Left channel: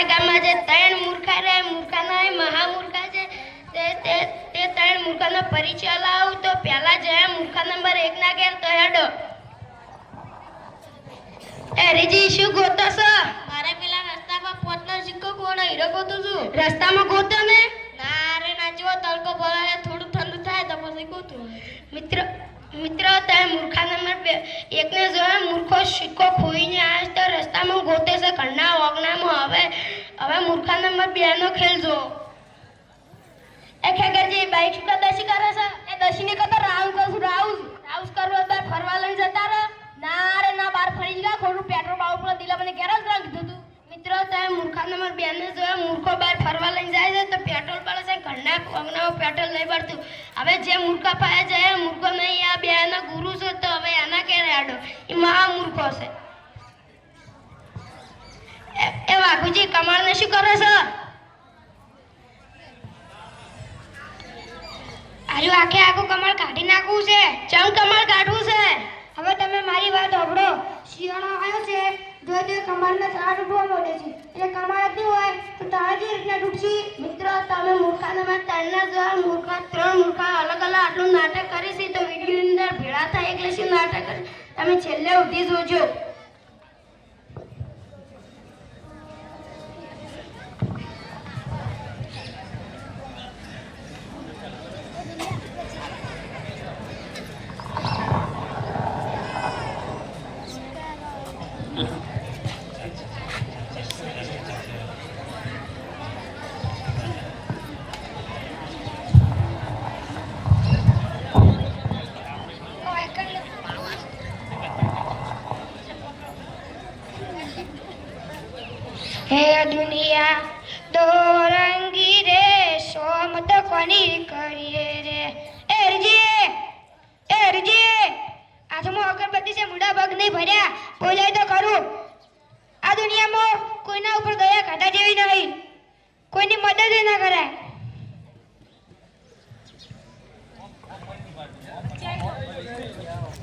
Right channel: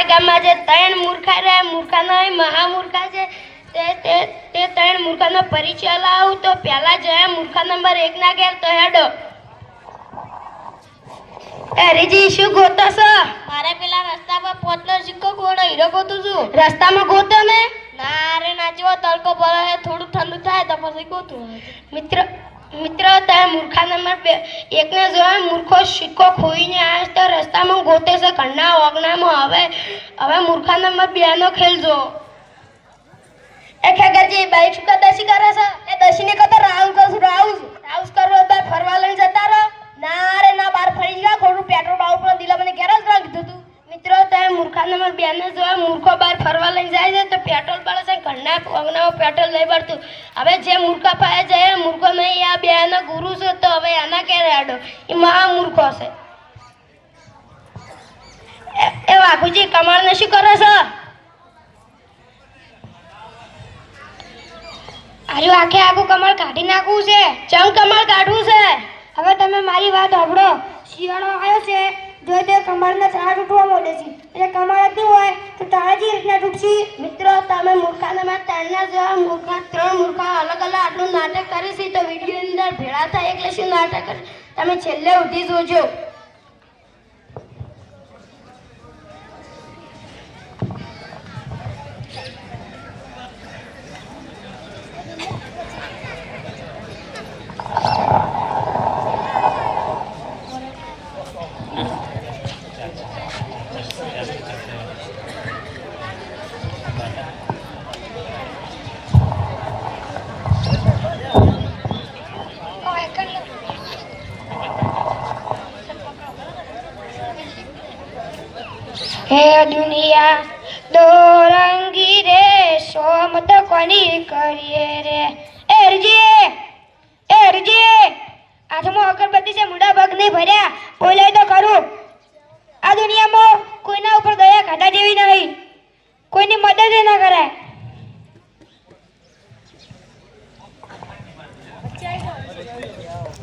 અમારા ગામમાં જે ત્રણ મૂર્ખા રહ્યા મૂર્ખાના મહામૂર્ખા છે તે ત્રણ મૂર્ખાનો પરિચય લાવું તો પહેલા જયા મૂર્ખા નંબર 1 ના ઘેર તો હેડો. હરીજી શું ગોતો છો? મારે પેલા રસ્તા પર પોતનો સિક્કો ગોળો હીરો ગોતું છું. રસ્તામાં ગોતો ને? ના રે નાચવો તડકો પડે થોડું ઠંડુ થાય તો પછી ગોતું. મિત્રો તમે મૂર્ખા નંબર 1 ને જોવા મૂર્ખો સિક્કો ખોઈને આવે તો રસ્તામાં ગોતે છે ઘરના ઓગણામાં. હવે મૂર્ખા નંબર 2 નો ખેલ જો. એ ખેગરજી બાઈક શું દસી કરે છે? એ દસીને કતો રાઉન્ડ કરું છું. રાઉન્ડ કરવો તો ફરવા લઈને જતા રહો. ના રે ના બાર ફરી ગયા ખોટું પેટ્રોલ બાઉ પર દિલા મને ઘેર જ રાખ દીધું. મિત્રો તમે મૂર્ખા નંબર 2 ને જોવા મૂર્ખો બાર ફરવા લઈને જાય છે તો પેટ્રોલ પડે છે ઘરના ઓગણામાં પેટ્રોલ લઈ પડતું. હવે જે મૂર્ખા પાસે જાય મૂર્ખો નહીં આ 2 નો ગુરુ છે તો હવે આના ક્યારે આડો એ મહામૂર્ખો છે. એ વાઘુજી કમાળને શું કરે છે? આજુ આખે આખું કમળ કાઢી નાખવું છે. ચમ કમળ કાઢવું છે? હવે તમે મારી વાત સાંભળો. શિયાળો આવ્યો છે જો તે કમળના તાળા તૂટવા માંડે છે એટલે કમળ હતી હોય તો તાળા જે રીતના તૂટશે. મિત્રો તમે મૂર્ખા નંબર 3 ના જોવા મૂર્ખા 3 મૂર્ખા અલગ અલગ આટલું નાટક કરે છે તો વિડીયોની અંદર ભેળા થાય એટલે શું નાટક કરે તમે છેલ્લે સુધી જોજો. હે દુનિયા દો રંગી રે સોમત કોની કરીએ રે. એરજી હાથમાં અગરબત્તી છે મુડા પગ નહીં ભર્યા બોલાય તો ખરું. આ દુનિયામાં કોઈના ઉપર દયા ખાધા જેવી નહીં. કોઈની મદદ ના કરાય.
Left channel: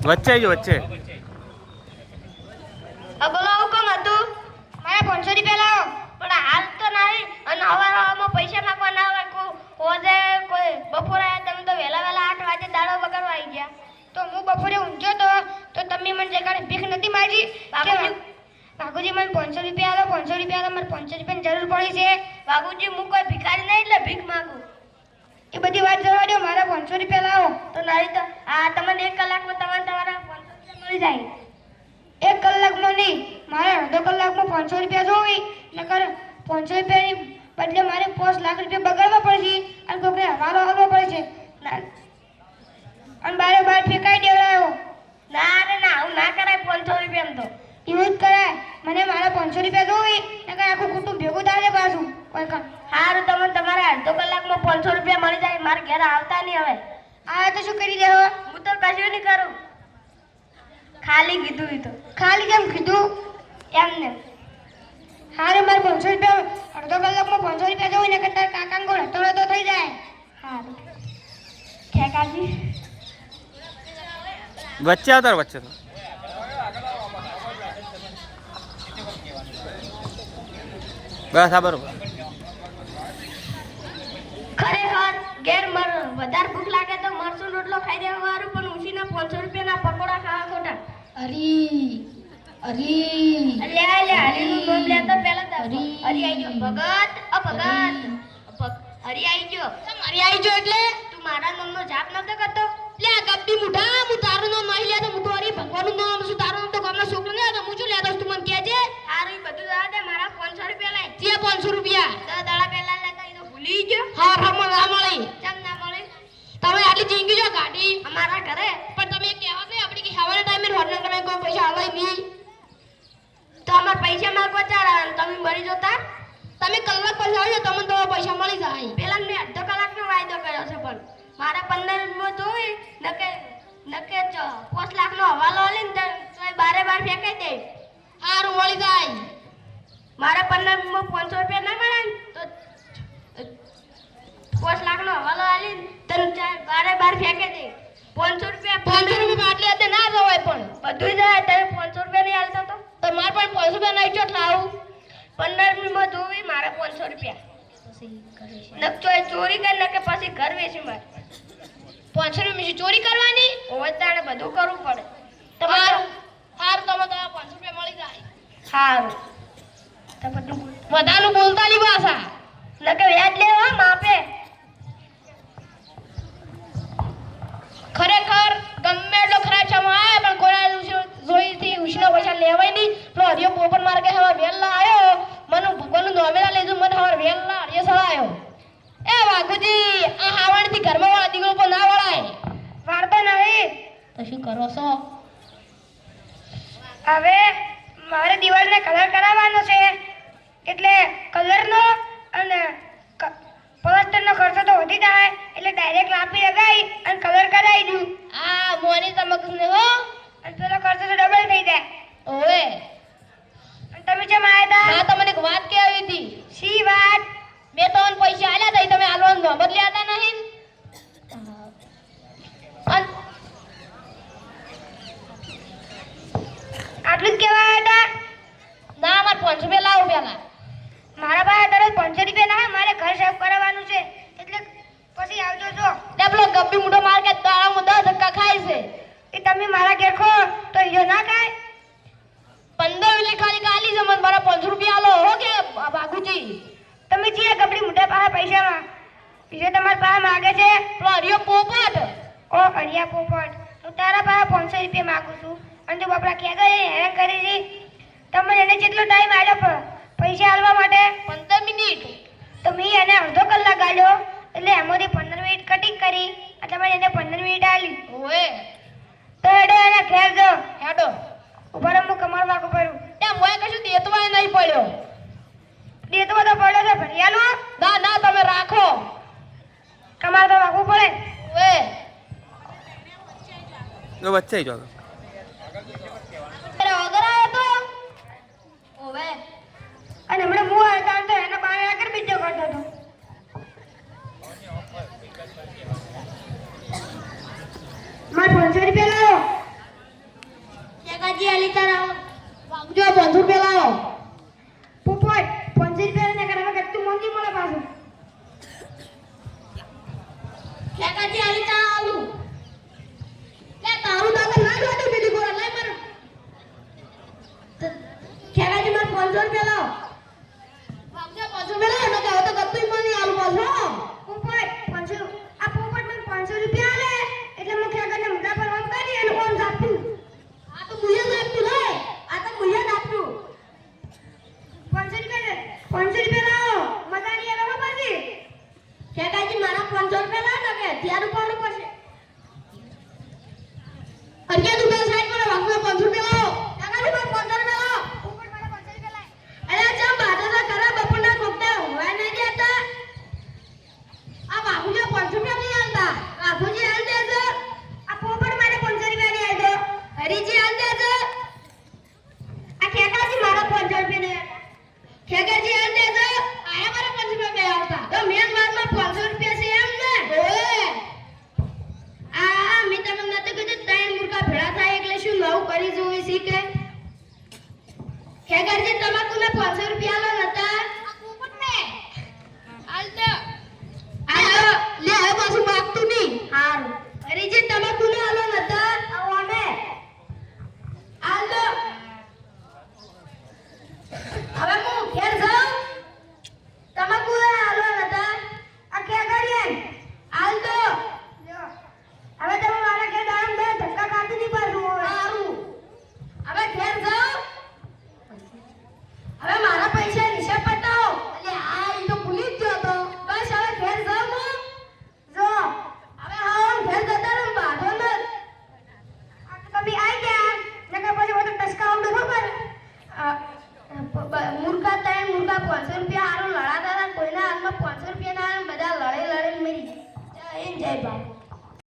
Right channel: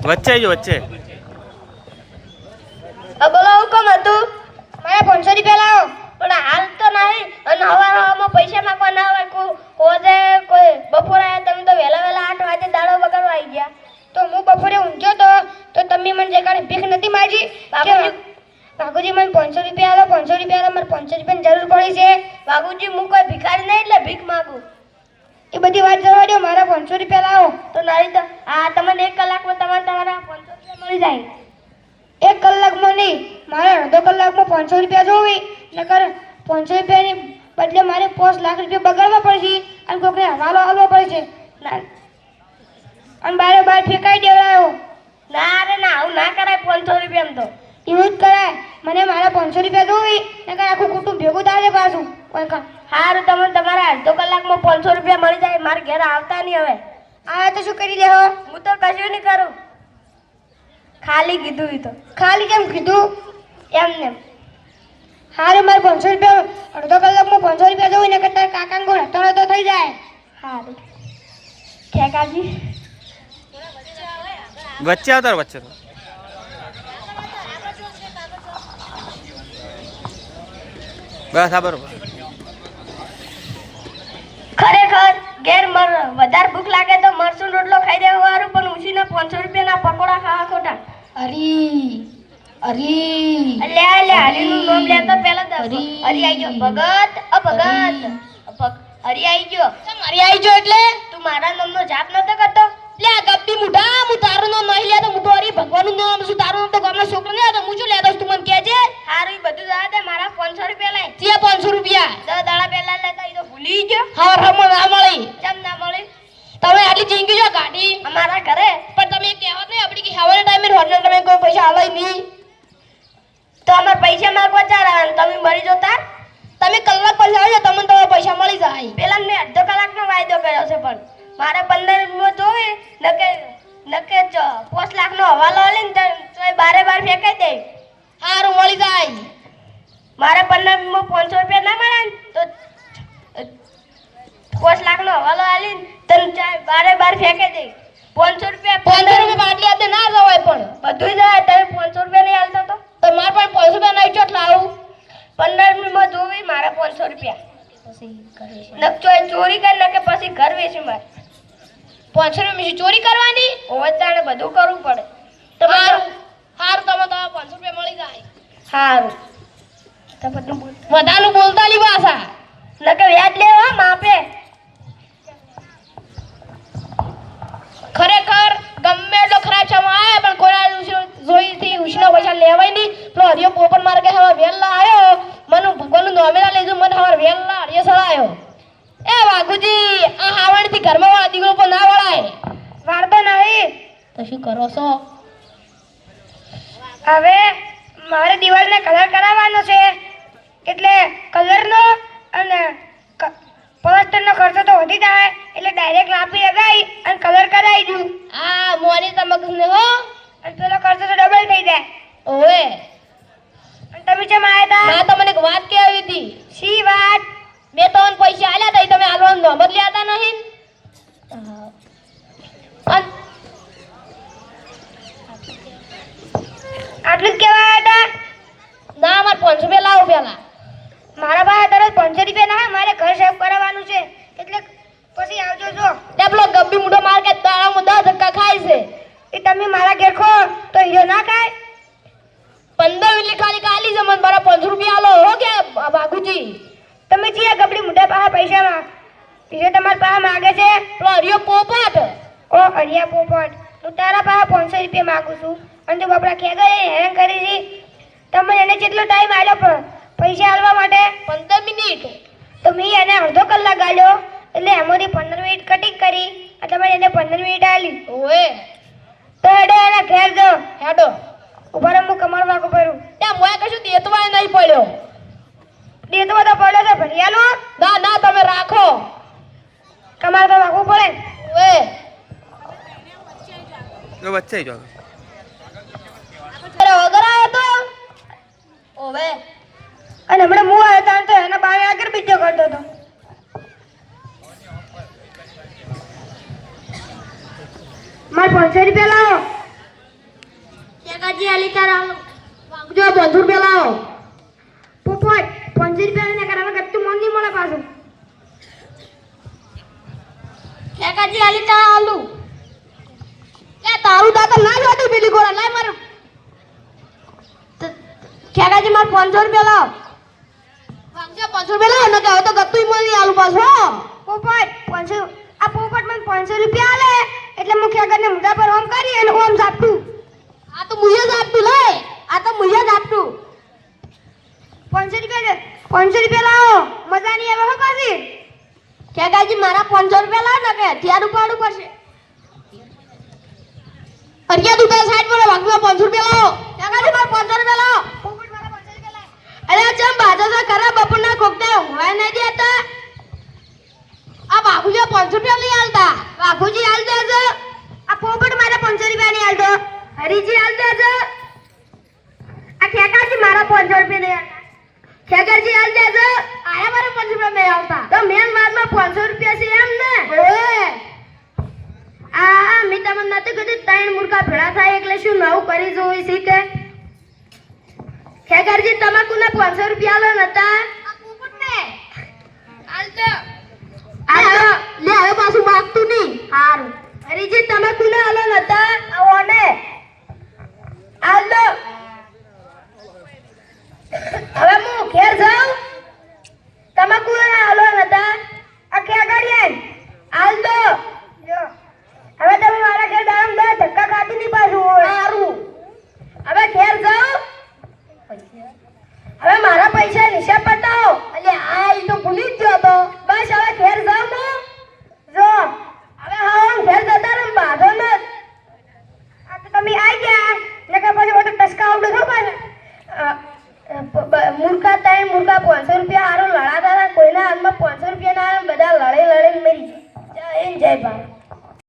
વચ્ચે જો વચ્ચે બોલો હુકમ હતું? મારા 500 રૂપિયા લાવો. પણ હાલ તો નહીં અને હવામાં પૈસા માંગવા ના હોય કોઈ બપોરે આવ્યા તમે તો વહેલા 8 વાગે દાડો બગાડવા આવી ગયા. તો હું બપોરે ઊંઘ્યો તો તમે મને જે કારણે ભીખ નથી માગી. બાપુજી મને 500 રૂપિયા આલો 500 રૂપિયા આલો. મારે 500 રૂપિયાની જરૂર પડી છે. બાબુજી હું કોઈ ભિખારી નહીં એટલે ભીખ માંગુ. એ બધી વાત જવા દો. મારા 500 રૂપિયા લાવો. તો નહીં તો તમને 1 કલાકમાં તમારા 500 રૂપિયા મળી જાય. 1 કલાકમાં નહીં મારે અડધો કલાકમાં 500 રૂપિયા જોવી નકર 500 રૂપિયાની બદલે મારે 5 લાખ રૂપિયા બગાડવા પડશે અને કોઈને હવાલો હાલવો પડશે અને બારે બાર ફેંકાઈ દેવાયો. ના રે ના આવું ના કરાય. 500 રૂપિયા તો એવું જ કરાય. મને મારા 500 રૂપિયા જોવી નકર આખું કુટુંબ ભેગું થાય પાછું કોઈ કામ. સારું તમને તમારા અડધો કલાકમાં 500 રૂપિયા મળી જાય. મારે ઘેર આવતા નહીં હવે. આ તો શું કરી દેવા? હું તો કશું નહીં કરું. ખાલી કીધું ઈ તો. ખાલી કેમ કીધું? એમને હારે મારે 500 રૂપિયા અડધો કલાકમાં 500 રૂપિયા જોવી ને તારા કાકા ગોળ હટણો તો થઈ જાય. સારું ખેકાજી વચ્ચે આવતા વચ્ચે તો બસ આ બરોબર. ખરેખર ઘેર વધારે ભૂખ લાગે તો મરચું રોટલો ખાઈ દેવો સારું પણ ઉછીને 500 રૂપિયાના પકોડા ખાવા ખોટા. હરી લે હરીનું નામ લેતો પહેલા તો હરી આવી ગયો. ભગત હરી આવી ગયો. હરી આવી ગયો એટલે તું મારા નામનો જાપ નતો કરતો? લે ગપ્પી મુઢા હું તારું નામ નહીં લેતો. હું તો હરી ભગવાનનું નામ છું. તારું નામ તો ગામના છોકરો નહીં હતો. હું શું લેતો તું મને કહેજે. સારું ઈ બધું જવા દે. મારા 500 રૂપિયા લઈ. ત્યાં 500 રૂપિયા 10 દાડા પહેલા લેતા ઈ તો ભૂલી ગયો. હા રમો ના મળી. કેમ ના મળી? તમે આટલી જિંદગી જો કાઢી અમારા ઘરે પણ તમે કહેવત નહીં આપણી કે હવાના ટાઈમે હોટલ તમે કોઈ પૈસા આલાય નહીં તો અમારે પૈસા માંગવા ચાલે તમે મળી જતા. તમે કલાક પછી આવજો તમને તમારા પૈસા મળી જાય. પેલા મેં અડધો કલાકનો વાયદો કર્યો છે પણ મારે 15 નો જોવે નકે 5 લાખનો હવાલો આલીને તો બારે બાર ફેંકાઈ દે. સારું મળી જાય. મારે 15 માં 500 રૂપિયા ના મળે ને તો 5 લાખનો હવાલો આલીને તને બારે બાર ફેંકાઈ દે. 500 રૂપિયા 15 રૂપિયા આટલી આતે ના જવાય પણ બધું જાય. તમે 500 રૂપિયા નહીં આલતો તો મારે પણ 500 રૂપિયા નહીં ચોટ લાવું. 15મીમાં જોવી મારે 500 રૂપિયા ચોરી કરી નાખે પછી ઘર વેચી મારે 500 રૂપિયા ચોરી કરવાની ઓવતાણે બધું કરવું પડે તમારું સારું તમે 500 રૂપિયા મળી જાય સારું બધાનું બોલતા ની ભાષા નકે વ્યાજ લેવા માપે ખરેખર ગમે એટલો ખરાબ સમય આવે પણ કોઈ જોઈથી ઉછના પૈસા લેવાય નહીં પેલો હરિયો પોપટ માર કે હવે વેલા આવ્યો મને ભગવાનનું નોમેલા લીધું મને હવે વેલા હરિયો સળાયો એ વાઘુજી આ હાવણથી ઘરમાં વાળા દીકરો પર ના વળાય વાળતો નહીં. તો શું કરો છો હવે મારે દિવાલને કલર કરાવવાનો છે એટલે કલરનો અને પ્લાસ્ટરનો ખર્ચો તો વધી જાય એટલે ડાયરેક્ટ લાપી લગાવી અને કલર કરાવી દઉં આ મોની તમકને હો અને પેલો ખર્ચો તો ડબલ થઈ જાય. ઓએ અને તમે જેમ આવ્યા ના હતા તમને એક વાત કહેવી હતી શી વાત? મેં તમને પૈસા આલ્યા હતા ઈ તમે આલવાનું નંબર લેતા નહીં આટલું જ કહેવા આવ્યા હતા? ના મારે 500 રૂપિયા લાવો પેલા મારા પાસે દરરોજ 500 રૂપિયા ના હોય, મારે ઘર સાફ કરાવવાનું છે એટલે પછી આવજો જો. તે પેલો ગબ્બી મોટો માર કે દાડામાં 10 ધક્કા ખાય છે એ તમે મારા ઘેર ખો તો હીરો ના ખાય? 15 મિનિટ ખાલી કાલી છે મને મારા 500 રૂપિયા આલો હો કે બાગુજી તમે જે ગબડી મોટા પાસે પૈસામાં બીજો તમારા પાસે માગે છે? પેલો હરિયો પોપટ ઓ અડિયા પોપટ, હું તારા પાસે 500 રૂપિયા માંગુ છું અને તું બાપડા ખેગા હેરાન કરી છી. તમે એને કેટલો ટાઈમ આલ્યો પૈસા આલવા માટે? 15 મિનિટ તો મેં એને અડધો કલાક આલ્યો એટલે એમાંથી 15 મિનિટ કટિંગ કરી અને તમે એને 15 મિનિટ આલી. ઓએ તો હેડો એને ઘેર જો. હેડો ઉભા રહો, હું કમર વાગું કરું. ત્યાં મોય કશું દેતવાય નહીં પડ્યો દેતો તો પડ્યો છે ભરિયાનો. ના ના તમે રાખો કમર તો વાગવું પડે. ઓએ તો વચ્ચે જો અરે વગર આયો તો ઓવે અને હમણાં હું આવ્યો તો એના બાએ આગળ બીજો કરતો હતો. મારે 500 રૂપિયા લાવો. કાકાજી આલી તારા વાગજો 500 રૂપિયા લાવો પોપટ 500 રૂપિયા ને કરાવે કચ્ચું મન નહીં મળે પાછું. કાકાજી આલી તારા આલુ કે તારું દાદા ના જોતું પેલી ગોળા લાય માર કાકાજી માર 500 રૂપિયા લાવ વાગજો 500 રૂપિયા લાવ ને કે હવે તો ગત્તુય મળી આલુ પાછો પોપટ 500 આ પોપટ મને 500 રૂપિયા આલે એટલે હું ખેગરને મોઢા પર ઓમ કરી અને ઓમ ઝાપટું. આ તો મુયે જ આપતું લે આ તો મુયે જ આપતું 500 રૂપિયા લાવો. મજા નહીં આવે હો પાછી. કાકાજી મારા 500 રૂપિયા લાવ ને કે ત્યાં ઉપાડું પડશે અરિયા તું સાઈડ પર વાગવા 500 રૂપિયા લાવો કાકાજી મારા 500 રૂપિયા લાવો પોપટ મારા 500 રૂપિયા લાય. અરે ચમ બાજો તો ખરા બપોરના કોકતે હોય નહીં દેતા આ બાબુજી 500 રૂપિયા લઈ આલતા બાબુજી આલ દેજો આ પોપટ મારા 500 રૂપિયા નહીં આલતો. હરીજી આલ દેજો આ ખેગાજી મારા 500 રૂપિયા નહીં આલતા. ખેગરજી આલ દેજો આયા મારા 500 રૂપિયા નહીં આવતા તો મેન મારમાં 500 રૂપિયા છે એમ ને ઓએ આ મી તમને નતું કીધું ત્રણ મુર્ગા ભેળા થાય એટલે શું નવું કરી જોઈ છે કે ખેગરજી તમાકુના 500 રૂપિયા આલો નતા